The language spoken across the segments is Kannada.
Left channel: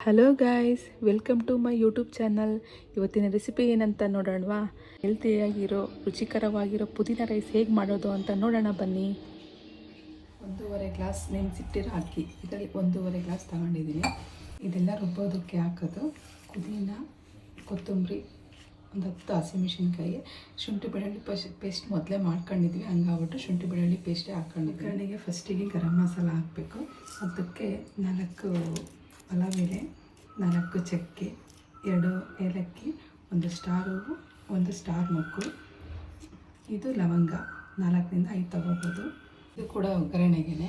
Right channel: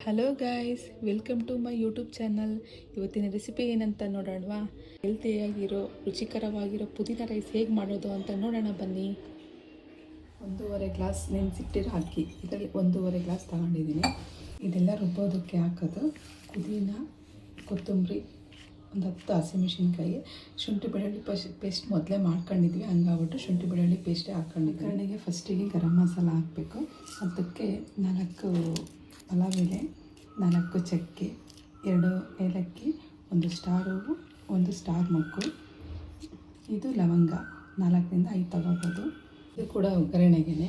Hello guys, welcome to my YouTube channel. ಇವತ್ತಿನ ರೆಸಿಪಿ ಏನಂತ ನೋಡೋಣವಾ? ಹೆಲ್ತಿಯಾಗಿರೋ ರುಚಿಕರವಾಗಿರೋ ಪುದೀನ ರೈಸ್ ಹೇಗೆ ಮಾಡೋದು ಅಂತ ನೋಡೋಣ ಬನ್ನಿ. 1.5 ಗ್ಲಾಸ್ ನೆನೆಸಿಟ್ಟಿರೋ ಅಕ್ಕಿ, ಇದರಲ್ಲಿ 1.5 ಗ್ಲಾಸ್ ತಗೊಂಡಿದ್ದೀನಿ. ಇದೆಲ್ಲ ರುಬ್ಬೋದಕ್ಕೆ ಹಾಕೋದು. ಪುದೀನ, ಕೊತ್ತಂಬರಿ, ಒಂದು 10 ಹಸಿಮೆಣಸಿನ್ಕಾಯಿ, ಶುಂಠಿ ಬೆಳ್ಳುಳ್ಳಿ ಪೇಸ್ಟ್ ಮೊದಲೇ ಮಾಡ್ಕೊಂಡಿದ್ವಿ, ಹಂಗಾಗ್ಬಿಟ್ಟು ಶುಂಠಿ ಬೆಳ್ಳುಳ್ಳಿ ಪೇಸ್ಟೇ ಹಾಕ್ಕೊಂಡಿದ್ವಿ. ಕಡೆಗೆ ಫಸ್ಟಿಗೆ ಗರಂ ಮಸಾಲ ಹಾಕಬೇಕು. ಅದಕ್ಕೆ 4 ಪಲಾವ್ ಎಲೆ, 4 ಚಕ್ಕೆ, 2 ಏಲಕ್ಕಿ, 1 ಸ್ಟಾರ್ ಹೂವು, 1 ಸ್ಟಾರ್ ಮೊಗ್ಗು, ಇದು ಲವಂಗ 4ರಿಂದ 5 ತಗೋಬೋದು. ಇದು ಕೂಡ ಒಗ್ಗರಣೆಗೆ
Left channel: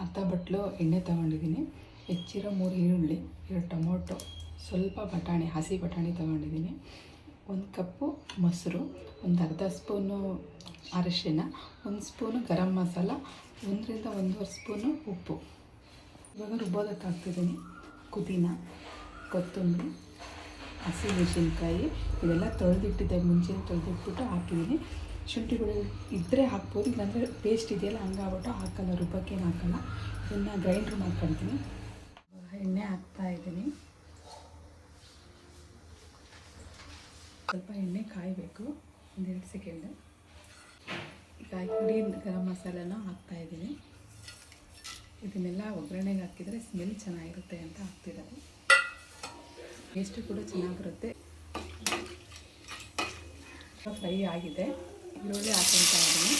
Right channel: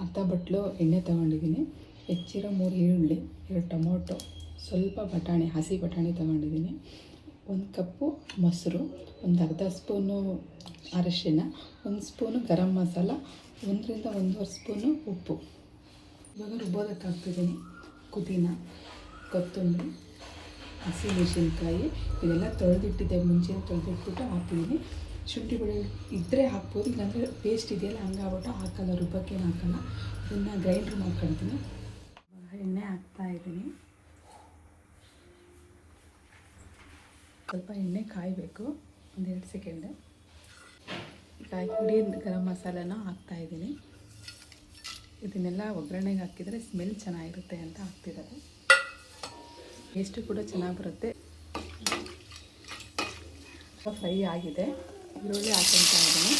ಅರ್ಧ ಬಟ್ಲು ಎಣ್ಣೆ ತೊಗೊಂಡಿದ್ದೀನಿ. ಹೆಚ್ಚಿರೋ 3 ಈರುಳ್ಳಿ, 2 ಟೊಮೊಟೊ, ಸ್ವಲ್ಪ ಬಟಾಣಿ, ಹಸಿ ಬಟಾಣಿ ತೊಗೊಂಡಿದ್ದೀನಿ, 1 ಕಪ್ಪು ಮೊಸರು, ಒಂದು ಅರ್ಧ ಸ್ಪೂನು ಅರಿಶಿನ, 1 ಸ್ಪೂನು ಗರಂ ಮಸಾಲ, 1ರಿಂದ 1.5 ಸ್ಪೂನು ಉಪ್ಪು. ಇವಾಗ ರುಬ್ಬೋದಕ್ಕೆ ಹಾಕ್ತಿದ್ದೀನಿ. ಪುದೀನ, ಕೊತ್ತಂಬರಿ, ಹಸಿಮೆಣಸಿನ್ಕಾಯಿ ಇದೆಲ್ಲ ತೊಳೆದಿಟ್ಟಿದ್ದೆ, ಮುಂಚೆ ತೊಳೆದಿಟ್ಬಿಟ್ಟು ಹಾಕಿದ್ದೀನಿ. ಶುಂಠಿ ಬೆಳ್ಳುಳ್ಳಿ ಇದ್ದರೆ ಹಾಕ್ಬೋದು, ಇಲ್ಲಾಂದರೆ ಪೇಸ್ಟ್ ಇದೆಯಲ್ಲ ಹಂಗಾಗ್ಬಿಟ್ಟು ಹಾಕಲ್ಲ, ರುಬ್ಬಕ್ಕೇನು ಹಾಕಲ್ಲ. ಇದನ್ನು ಗ್ರೈಂಡ್ರ್ ಮಾಡ್ಕೊಳ್ತೀನಿ. ಎಣ್ಣೆ ಹಾಕ್ತಾಯಿದ್ದೀನಿ. ಸ್ವಲ್ಪ ಎಣ್ಣೆ ಕಾಯಬೇಕು, 1-2 ಸೆಕೆಂಡ್. ಈಗ ಪುಡಿ ಗರಂ ಮಸಾಲನ ಹಾಕ್ತಾಯಿದ್ದೀನಿ. ಇದನ್ನೆಲ್ಲ ಒಗ್ಗರಣೆಗೆ ಹಾಕಿದರೆ ಸ್ಮೆಲ್ ಚೆನ್ನಾಗಿರುತ್ತೆ ಅಂತ ಹಾಕ್ತಿರೋದು. ಟೇಸ್ಟು ಕೂಡ ಚೆನ್ನಾಗಿ ಬರುತ್ತೆ. ಫ್ರೈ ಆಗಿದೆ, ಈರುಳ್ಳಿ ಹಾಕ್ಕೊಳ್ತಾ ಇದ್ದೀನಿ.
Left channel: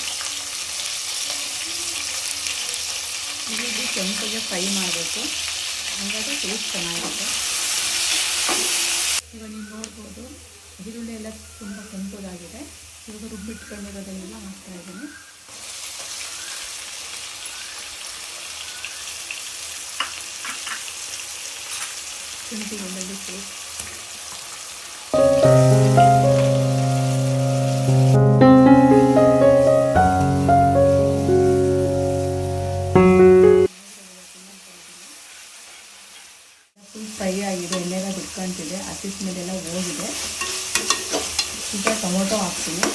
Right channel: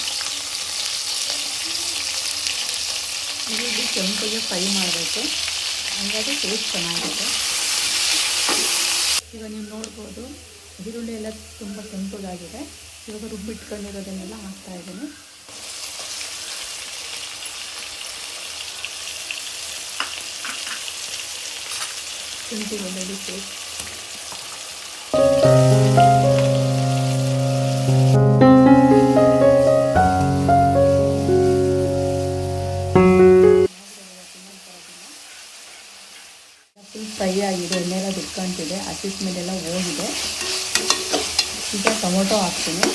ಈರುಳ್ಳಿ ಕೆಂಪಗೆ ಫ್ರೈ ಮಾಡಬೇಕು, ಹಾಗಾಗಿ ಟೇಸ್ಟ್ ಚೆನ್ನಾಗಿರುತ್ತೆ. ಇವಾಗ ನೀವು ನೋಡ್ಬೋದು, ಈರುಳ್ಳಿ ಎಲ್ಲ ತುಂಬ ಕೆಂಪಗಾಗಿದೆ. ಇವಾಗ ರುಬ್ಬಿಟ್ಕೊಂಡಿರೋದನ್ನೆಲ್ಲ ಹಾಕ್ತಾಯಿದ್ದೀನಿ. ಶುಂಠಿ ಬೆಳ್ಳುಳ್ಳಿ ಪೇಸ್ಟ್, ಫುಲ್ ಫ್ರೈ ಆಗಿದೆ, ಎಣ್ಣೆಲ್ಲ ಬಿಟ್ಕೊಂತಿದೆ, ಹಸಿ ಸ್ಮೆಲ್ಲೆಲ್ಲ ಹೋಗಿದೆ. ಈಗ ಟೊಮೊಟೊ ಹಾಕ್ತೀನಿ.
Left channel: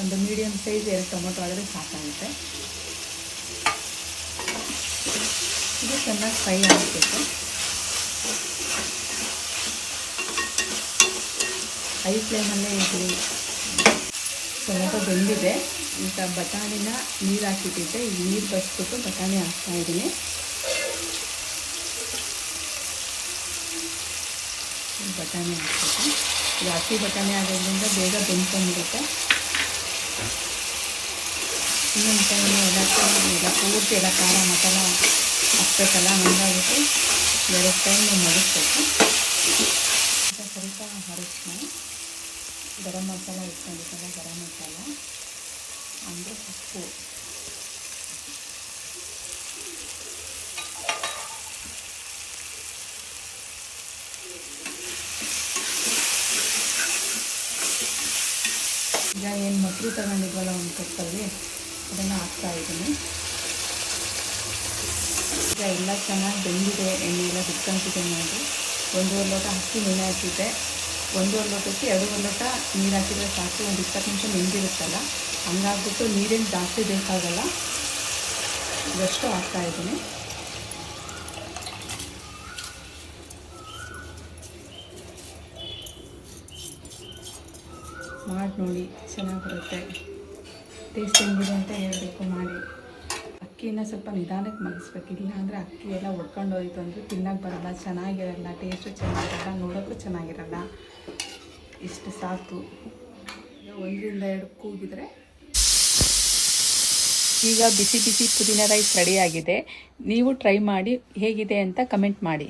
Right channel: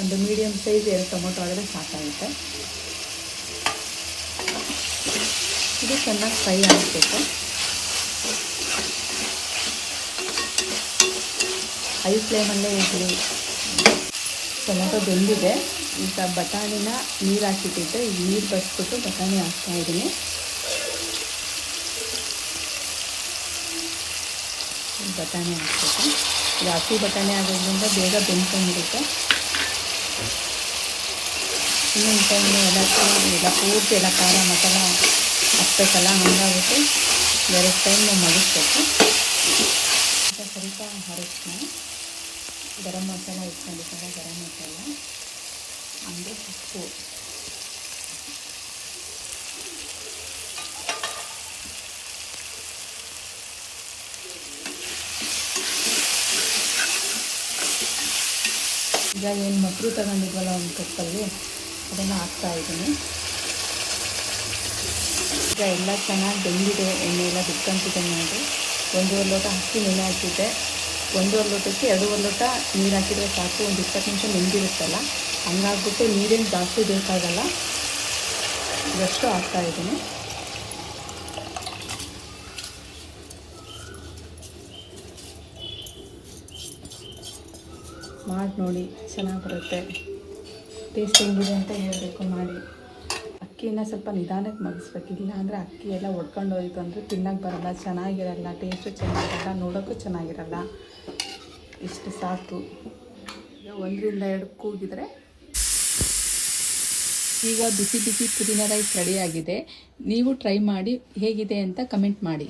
ಒಂದು ಮೀಡಿಯಮ್ ಸೈಜ್ 2 ಟೊಮೊಟೊ ಆದರೆ ಸಾಕಾಗುತ್ತೆ. ಇದು ಚೆನ್ನಾಗಿ ಫ್ರೈ ಆಗಬೇಕು. ಹೈ ಫ್ಲೇಮಲ್ಲೇ ಇರಲಿ. ಟೊಮೊಟೊ ಬೆಂದಿದೆ. ಈಗ ಬಟಾಣಿನ ನೀರು ಹಾಕಿಟ್ಟಿದ್ದೆ, ಈಗ ನೀರು ಬಸ್ಬಿಟ್ಟು ಬಟಾಣಿ ಹಾಕ್ತಾಯಿದ್ದೀನಿ. ಬಟಾಣಿ ಹಾಕ್ಬೇಕು. ಇದು ಹಸಿ ಬಟಾಣಿ ಆಗೋದ್ರಿಂದ ಬೇಗ ಬೆಂದ್ಕೊಂಡಿರುತ್ತೆ. ಇನ್ನೊಂದು ಟೈಮ್ ಎಲ್ಲ ಪೂರ್ತಿ ಎಲ್ಲ ಖಾರ ಮಸಾಲ ಹಾಕ್ಬೇಕಲ್ಲ, ಹಂಗಾಗುತ್ತೆ 2 ಟೈಮ್ ಮಡಿಸ್ಬೇಕು. ಈಗ ಸ್ವಲ್ಪ ಅರಿಶಿನ, ಗರಂ ಮಸಾಲ ಇಟ್ಕೊಂಡಿದ್ದಲ್ಲ, ಗರಂ ಮಸಾಲ ಅಂದರೆ ಉಪ್ಪು, ಈಗ ಏನು ಮೊಸರು ತಗೊಂಡಿದ್ವಲ್ಲ ಒಂದು ಕಪ್ಪಲ್ಲಿ, ಅದನ್ನು ಹಾಕ್ತಾಯಿದ್ದೀನಿ. ಈಗ ಎಲ್ಲ ಚೆನ್ನಾಗಿ ಬೆಂದಿದೆ, ಎಣ್ಣೆ ಎಲ್ಲ ಬಿಟ್ಕೊಂತಿದೆ ನೋಡಿ. 1.5 ಲೋಟ ಅಕ್ಕಿ ನೆನೆ ಹಾಕಿದ್ದೆ. 1.5 ಲೋಟಕ್ಕೆ 2.5 ಲೋಟ ನೀರು ಹಾಕಿದರೆ ಸಾಕು. ಒಂದು 20 ನಿಮಿಷ ನೆಂದಿರುತ್ತಲ್ಲ, ಹಂಗಾಗ್ಬಿಟ್ಟು ನೀರೇನು ಜಾಸ್ತಿ ಬೇಕಾಗಲ್ಲ. ಇದಷ್ಟು ಹಾಕ್ತಾಯಿದ್ದೀನಿ. ಮಾಡಿ ನೋಡಿ, ಚೆನ್ನಾಗಿ ಬರುತ್ತೆ. ಟೇಸ್ಟ್ ಹೆಂಗಿದೆ ಅಂತ ಹೇಳಬೇಕು ಮಾಡಿ. ಅಕ್ಕಿನ ಸ್ವಲ್ಪ ನಿಧಾನಕ್ಕೆ ಮಗಿಸ್ಬೇಕು, ಇಲ್ಲ ಅಂದರೆ ಅಕ್ಕಿ ಎಲ್ಲ ಒಡ್ಕೊಂಡು ಹೋಯ್ತು ಅಂದರೆ ತಿನ್ನೋಕ್ಕೆ ಬರೋಲ್ಲ, ಚೆನ್ನಾಗಿರಲ್ಲ, ಟೇಸ್ಟು ಚೆನ್ನಾಗಿರಲ್ಲ, ನೋಡೋಕ್ಕೂ ಚೆನ್ನಾಗಿರಲ್ಲ. ಇಷ್ಟು ಸಾಕು. 1ರಿಂದ 2 ಕೂಗಿದ್ರೆ ಈಗ ಬಿಸಿ ಬಿಸಿ ಪುದೀನ ರೈಸ್ ರೆಡಿಯಾಗಿದೆ. ನೀವು ಟ್ರೈ ಮಾಡಿ ಹೇಗಿದೆ ಅಂತ ಕಮೆಂಟ್ ಮಾಡಿ.